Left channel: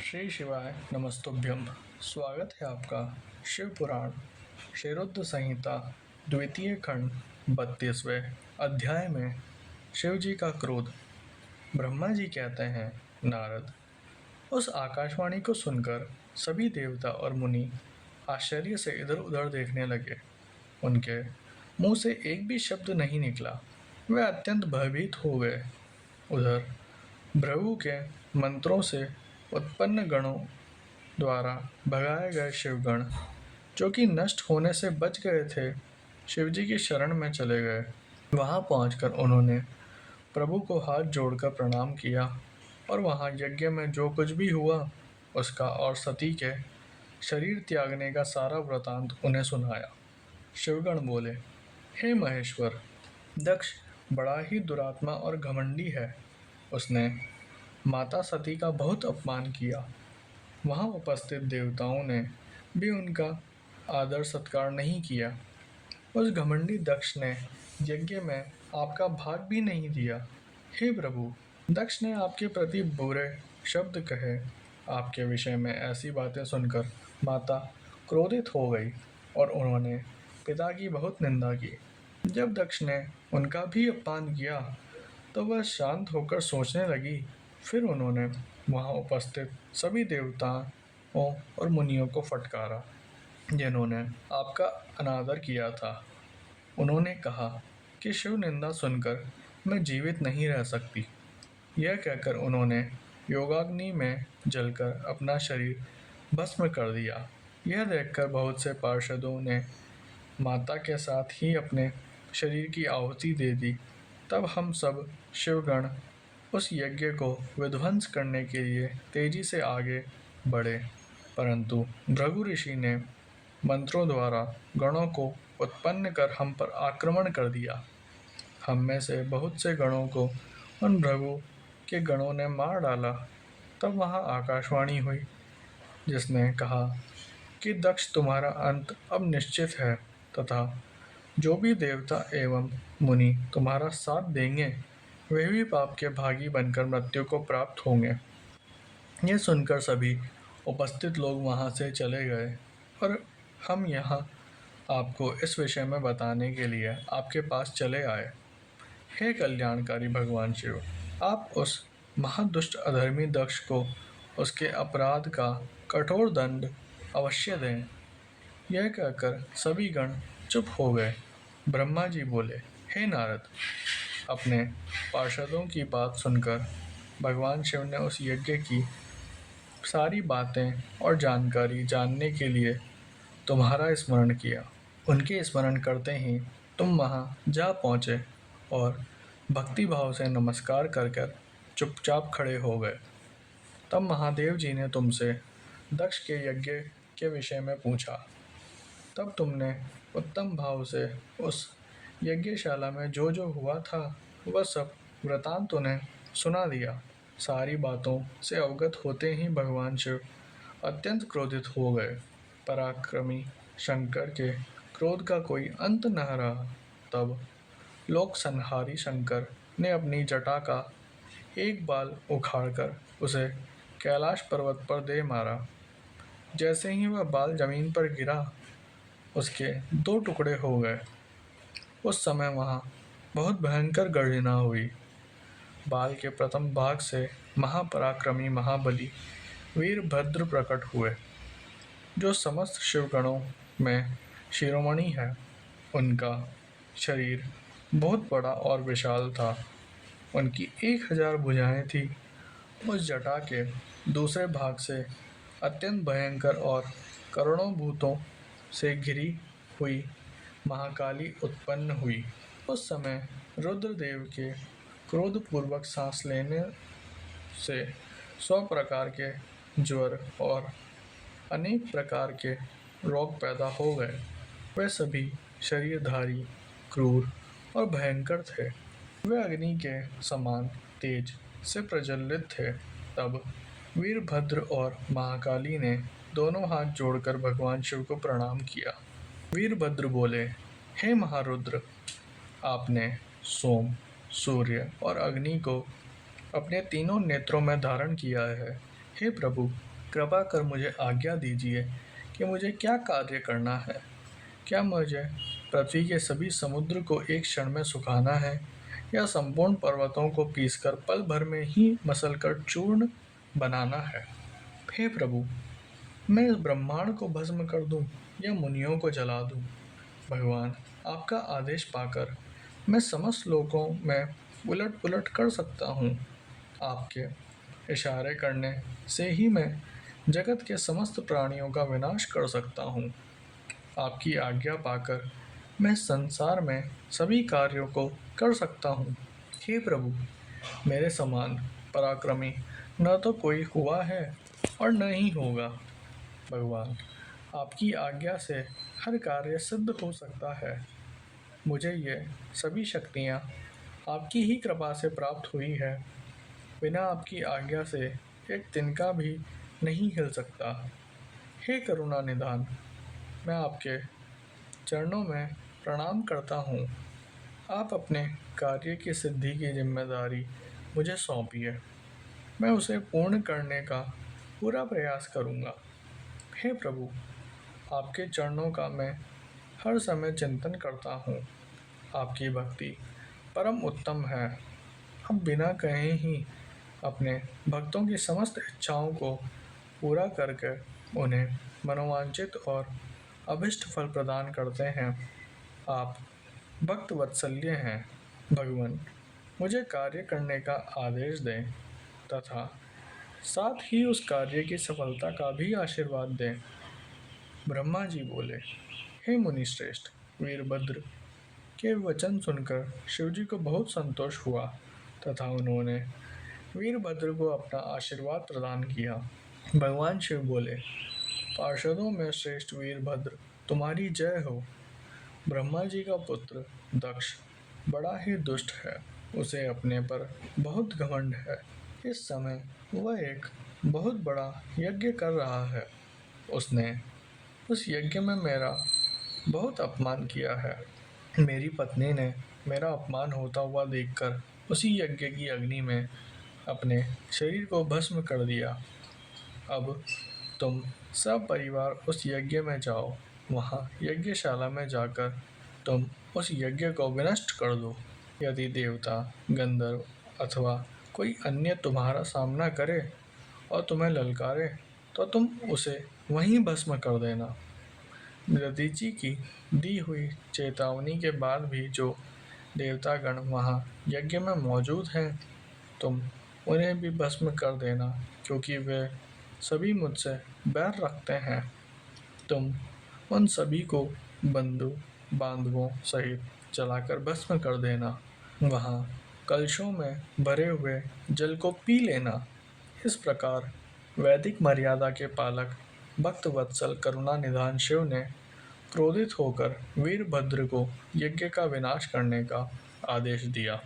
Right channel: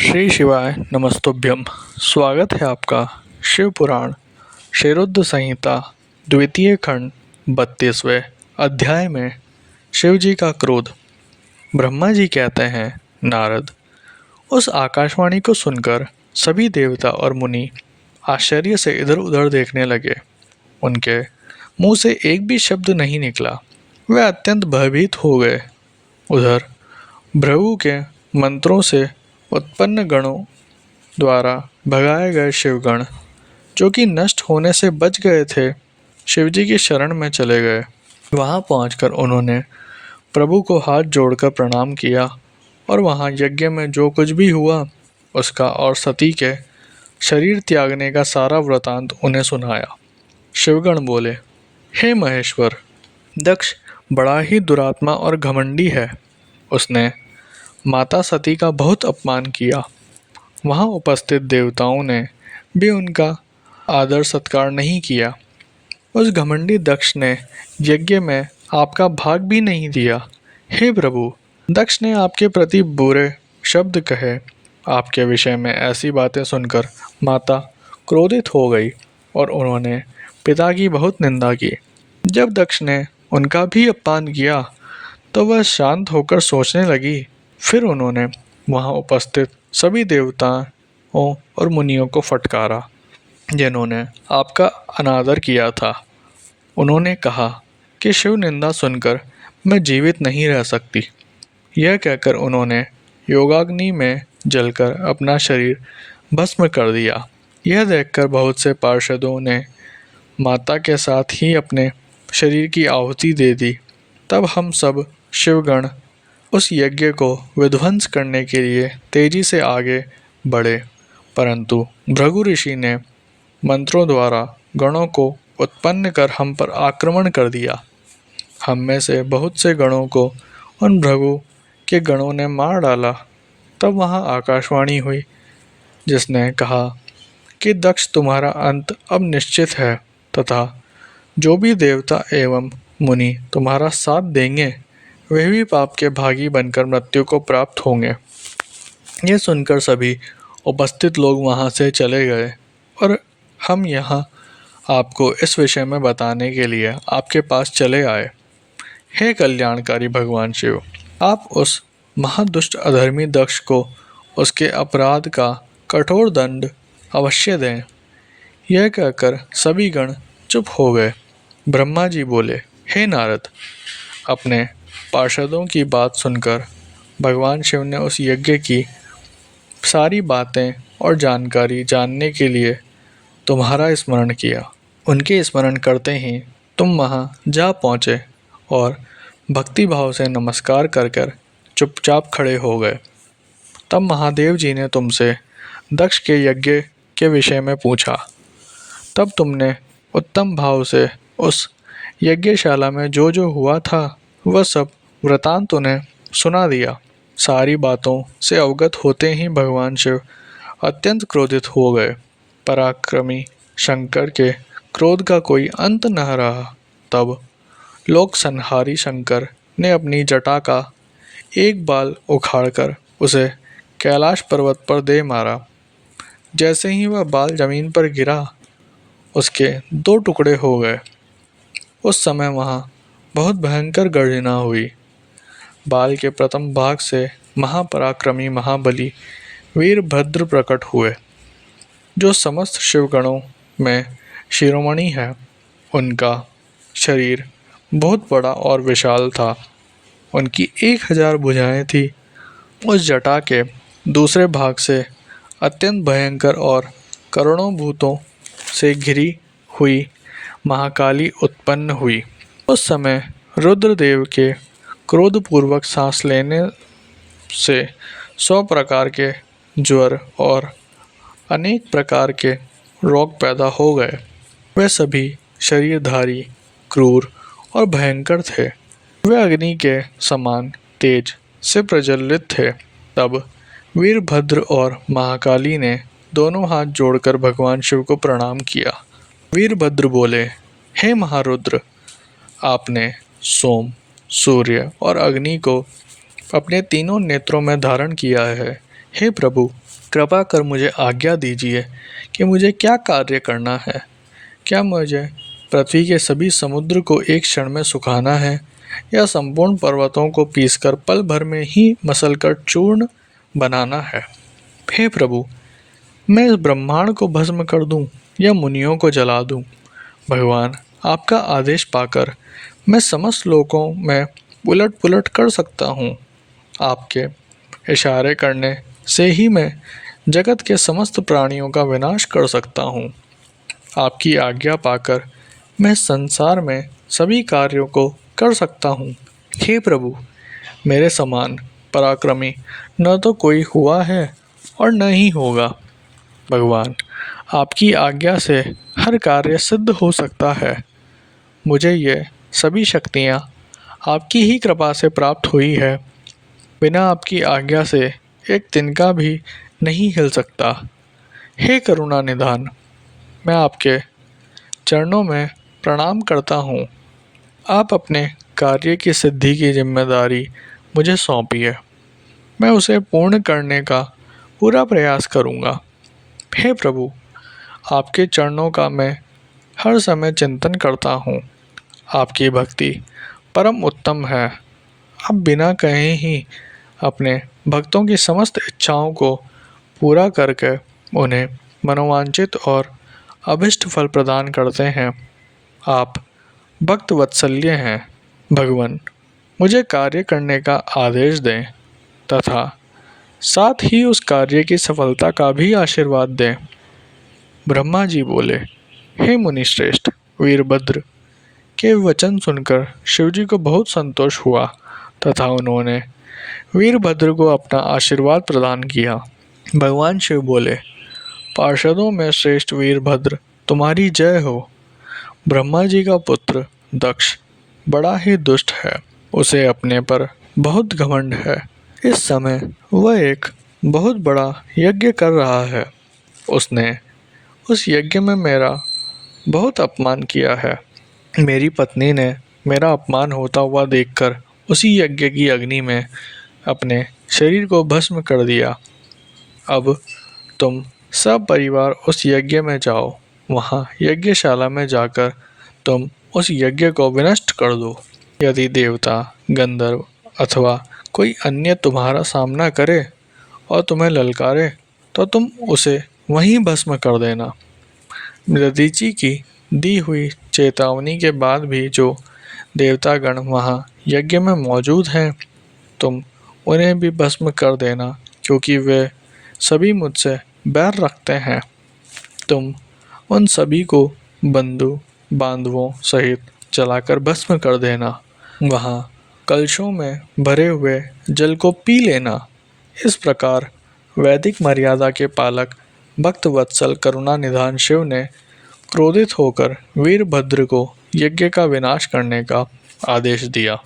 श्री शिवाय नमस्तुभ्यम। स्वागत है आपका शिव पुराण क्षीरोद संहिता द्वितीय खंड 32वें अध्याय में शिव जी का क्रोध। ब्रह्मा जी कहते हैं, नारद, उस आकाशवाणी को सुनकर सभी देवता और मुनि आश्चर्य से इधर उधर देखने लगे। उनके मुंह से एक भी शब्द नहीं निकला। वे अत्यंत भयभीत हो गए। उधर भृगु के मंत्रों से उत्पन्न गणों द्वारा भगाए गए शिवगण, जो कि नष्ट होने से बच गए थे, शिवजी की शरण में चले गए। वहां पहुंचकर उन्होंने प्रभु को हाथ जोड़कर प्रणाम किया और वहां यज्ञ में जो कुछ भी हुआ उसका और सती के शरीर त्यागने का सारा वृतांत उन्हें सुनाया। शिवगण बोले, हे महेश्वर, दक्ष बड़ा ही दुरात्मा और घमंडी है। उसने माता सती का बहुत अपमान किया। वहां उपस्थित देवताओं ने भी उनका आदर सत्कार नहीं किया। उस घमंडी दक्ष ने यज्ञ में आपका भाग भी नहीं दिया। हे प्रभु, दक्ष ने आपके प्रति बुरे शब्द कहे। आपके विषय में ऐसी बातें सुनकर माता क्रोधित हो गई और उन्होंने पिता की बहुत निंदा की। जब दक्ष ने उनका भी अपमान किया तो वह शांत होकर सोचने लगी। फिर उन्होंने वहां उपस्थित सभी देवताओं और मुनियों को फटकारा जिन्होंने आपका अनादर किया था। उन्होंने कहा कि शिव निंदा सुनकर मैं जीवित नहीं रह सकती। यह कहकर उन्होंने योगाग्नि में जलकर अपना शरीर भस्म कर दिया। यह देखकर बहुत से पार्षदों ने माता के साथ ही अपने शरीर की आहुति दे दी। तब हम सब शिवगण उस यज्ञ को विध्वंस करने के लिए तेजी से आगे बढ़े, परंतु भृगु ऋषि ने मंत्रों द्वारा गणों को उत्पन्न कर हम पर आक्रमण कर दिया। हम में से बहुत से गणों को उन भृगु के गणों ने मार डाला। तब वहाँ आकाशवाणी हुई जिसने कहा कि दक्ष, तुम्हारा अंत अब निश्चित है तथा जो भी देवता एवं मुनि तुम्हारा साथ देंगे वे भी पाप के भागी बनकर मृत्यु को प्राप्त होंगे। यह सुनकर सभी उपस्थित लोग वहां से चले गए और हम यहाँ आपको इस विषय में बताने के लिए आपके पास चले आए। हे कल्याणकारी भगवान शिव, आप उस महादुष्ट अधर्मी दक्ष को उसके अपराध का कठोर दंड अवश्य दें। यह कहकर सभी गण चुप हो गए। ब्रह्मा जी बोले, हे नारद, अपने पार्षदों की बात सुनकर भगवान शिव ने उस यज्ञ की सारी बातें और जानकारी जानने के लिए तुम्हारा स्मरण किया। उनके स्मरण करते ही तुम वहां जा पहुँचे और भक्ति भाव से नमस्कार कर कर चुपचाप खड़े हो गए। तब महादेव जी ने तुमसे दक्ष के यज्ञ के विषय में पूछा। तब तुमने उत्तम भाव से उस यज्ञशाला में जो जो हुआ था वह सब वृतांत उन्हें सुना दिया। सारी बातों से अवगत होते ही भगवान शिव अत्यंत क्रोधित हो गए। पराक्रमी शंकर के क्रोध का कोई अंत न रहा। तब लोक संहारी शंकर ने अपनी जटा का एक बाल उखाड़कर उसे कैलाश पर्वत पर दे मारा। जैसे ही वह बाल जमीन पर गिरा उसके दो टुकड़े हो गए। उस समय वहाँ बहुत भयंकर गर्जना हुई। बाल के प्रथम भाग से महापराक्रमी महाबली वीरभद्र प्रकट हुए, जो समस्त शिवगणों में शिरोमणि है। उनका शरीर बहुत बड़ा और विशाल था। उनकी 1000 भुजाएं थी। उस जटा के दूसरे भाग से अत्यंत भयंकर और करोड़ों भूतों से घिरी हुई महाकाली उत्पन्न हुई। उस समय रुद्रदेव के क्रोधपूर्वक सांस लेने से 100 प्रकार के ज्वर और अनेक प्रकार के रोग पैदा हो गए। वे सभी शरीरधारी, क्रूर और भयंकर थे। वे अग्नि के समान तेज से प्रज्वलित थे। तब वीरभद्र और महाकाली ने दोनों हाथ जोड़कर भगवान शिव को प्रणाम किया। वीरभद्र बोले, हे महारुद्र, आपने सोम, सूर्य और अग्नि को अपने तीनों नेत्रों में धारण किया है। हे प्रभु, कृपा कर मुझे आज्ञा दीजिए कि मुझे क्या कार्य करना है। क्या मुझे पृथ्वी के सभी समुद्र को एक क्षण में सुखाना है, या संपूर्ण पर्वतों को पीसकर पल भर में ही मसलकर चूर्ण बनाना है। हे प्रभु, मैं इस ब्रह्मांड को भस्म कर दूं या मुनियों को जला दूं। भगवान, आपका आदेश पाकर मैं समस्त लोकों में उलट पुलट कर सकता हूँ। आपके इशारे करने से ही मैं जगत के समस्त प्राणियों का विनाश कर सकता हूँ। आपकी आज्ञा पाकर मैं संसार में सभी कार्यों को कर सकता हूँ। हे प्रभु, मेरे समान पराक्रमी न तो कोई हुआ है और न ही होगा। भगवान, आपकी आज्ञा से हर कार्य सिद्ध हो सकता है। मुझे ये सभी शक्तियाँ आपकी ही कृपा से प्राप्त हुई है। बिना आपकी आज्ञा से एक तिनका भी नहीं हिल सकता। हे करुणा निधान, मैं आपके चरणों में प्रणाम करता हूँ। आप अपने कार्य की सिद्धि की जिम्मेदारी मुझे सौंपिए। मैं उसे पूर्ण करने का पूरा प्रयास करूँगा। हे प्रभु, आपके चरणों का मैं हर समय चिंतन करता हूँ। आपकी भक्ति परम उत्तम है। आप बिना कहे ही अपने भक्तों की समस्त इच्छाओं को पूरा करके उन्हें मनोवांछित और अभिष्ट फल प्रदान करते हैं। आप भक्त वत्सल्य हैं। भगवान, मुझे कार्य करने का आदेश दें तथा साथ ही उस कार्य की सफलता का भी आशीर्वाद दें। ब्रह्मा जी बोले, हे मुनिश्रेष्ठ वीरभद्र के वचन सुनकर शिवजी को बहुत संतोष हुआ तथा उन्होंने वीरभद्र को अपना आशीर्वाद प्रदान किया। भगवान शिव बोले, पार्षदों में श्रेष्ठ वीरभद्र, तुम्हारी जय हो। ब्रह्मा जी का पुत्र दक्ष बड़ा ही दुष्ट है। उसे अपने पर बहुत घमंड है। इस समय वह एक बहुत बड़ा यज्ञ कर रहा है। उसने उस यज्ञ में मेरा बहुत अपमान किया है। मेरी पत्नी ने मेरा अपमान होता हुआ देखकर उसी यज्ञ की अग्नि में अपने शरीर को भस्म कर दिया। अब तुम सब परिवार उस यज्ञ में जाओ। वहाँ यज्ञशाला में जाकर तुम उस यज्ञ को विनष्ट कर दो। यदि देवता, गंधर्व अथवा कोई अन्य तुम्हारा सामना करे और तुम्हें ललकारे तो तुम उसे वहीं भस्म कर देना। दधीचि की दी हुई चेतावनी के बाद भी जो देवतागण वहाँ यज्ञ में मौजूद हैं, तुम उन्हें भी भस्म कर देना, क्योंकि वे सभी मुझसे बैर रखते हैं। तुम उन सभी को बंधु बांधवों सहित जलाकर भस्म कर देना। वहाँ कलशों में भरे हुए जल को पी लेना। इस प्रकार वैदिक मर्यादा के पालक भक्त वत्सल करुणा निधान शिव ने क्रोधित होकर वीरभद्र को यज्ञ का विनाश करने का आदेश दिया।